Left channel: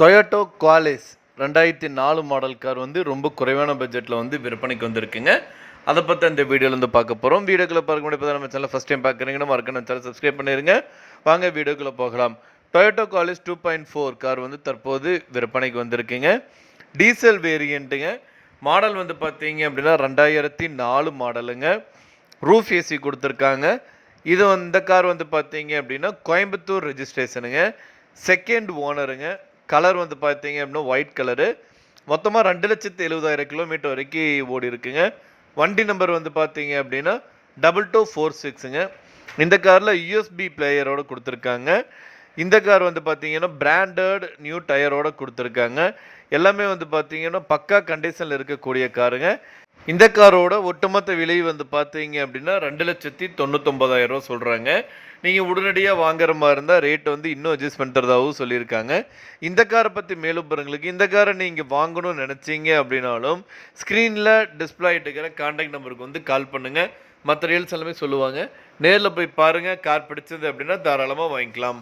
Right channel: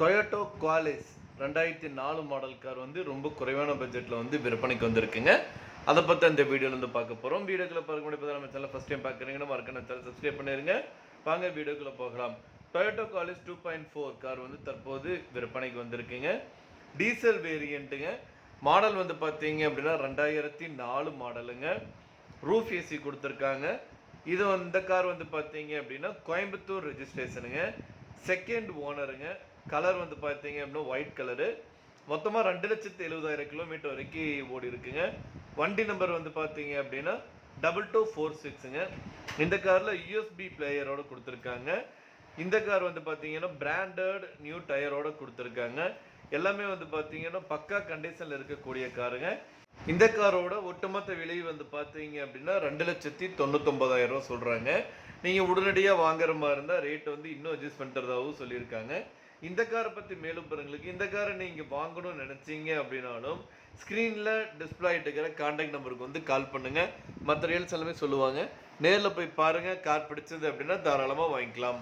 Toyota Qualis 2004 model car வந்து ரொம்ப குறைவான பட்ஜெட்டில் வந்து விற்பனைக்கு வந்திருக்குங்க. அதை பற்றி அந்த வீடியோலேருந்து பார்க்க போகிறோம். வீடியோக்குள்ளே பார்க்க முடியாது நம்ம சேனல் ஃபஸ்ட் டைம் பார்க்குறீங்கன்னா மறக்காம சேனல் சப்ஸ்கிரைப் பண்ணிடுங்க. வாங்க வீடியோக்குள்ளே போகலாம். டொயோட்டோ குவாலிஸ் 2.4 கார் வந்து தற்போது விற்பனைக்கு வந்திருக்குங்க. டீசல் வேரியண்ட்டுங்க. மாடல் வந்து பார்த்தீங்க அப்படின்னா 2004 மாடலுங்க. ரூஃப் ஏசி கொடுத்துருக்காங்க. இந்த கார் வந்து பார்த்தீங்க அப்படின்னா கோயம்புத்தூர் ரெஜிஸ்ட்ரேஷனுங்க. செகண்ட் ஓனருங்க. கலர் வந்து பார்த்தீங்க அப்படின்னா ஒயிட் கலரு. மொத்தமாக 2,70,000 கிலோமீட்டர் வரைக்கும் ஓடி இருக்குங்க. வண்டி நம்பர் வந்து பார்த்தீங்க அப்படின்னா 2246ங்க. இந்த காரில் யூஎஸ்பி பிளேயரோடு கொடுத்துருக்காங்க. இந்த கார் வந்து பார்த்தீங்கன்னா பிராண்டட் நியூ டயரோடு கொடுத்துருக்காங்க. எல்லாமே வந்து பார்த்தீங்கன்னா பக்கா கண்டிஷனில் இருக்கக்கூடிய காருங்க. இந்த காரோட ஒட்டுமொத்த விலை வந்து பார்த்தீங்க அப்படின்னா 2,99,000 சொல்கிறாங்க. நீங்கள் உடனடியாக வாங்குற மாதிரி இருந்தால் ரேட் வந்து இன்னும் அட்ஜஸ்ட் பண்ணுறதாகவும் சொல்லியிருக்காங்க. இந்த காரை பற்றி மேலும் பாருங்களுக்கு இந்த காரை நீங்கள் வாங்கணும்னு நினச்சிங்க அப்படின்னாலும் ஸ்க்ரீனில் டிஸ்பிளே ஆகிட்டுக்கிற கான்டாக்ட் நம்பருக்கு வந்து கால் பண்ணுங்கள். மற்ற ரீல்ஸ் எல்லாமே சொல்லுவாங்க. நேரில் போய் பாருங்கள். கார் பிடிச்சது அப்படின்னா தாராளமாக வாங்கிக்கலாம்.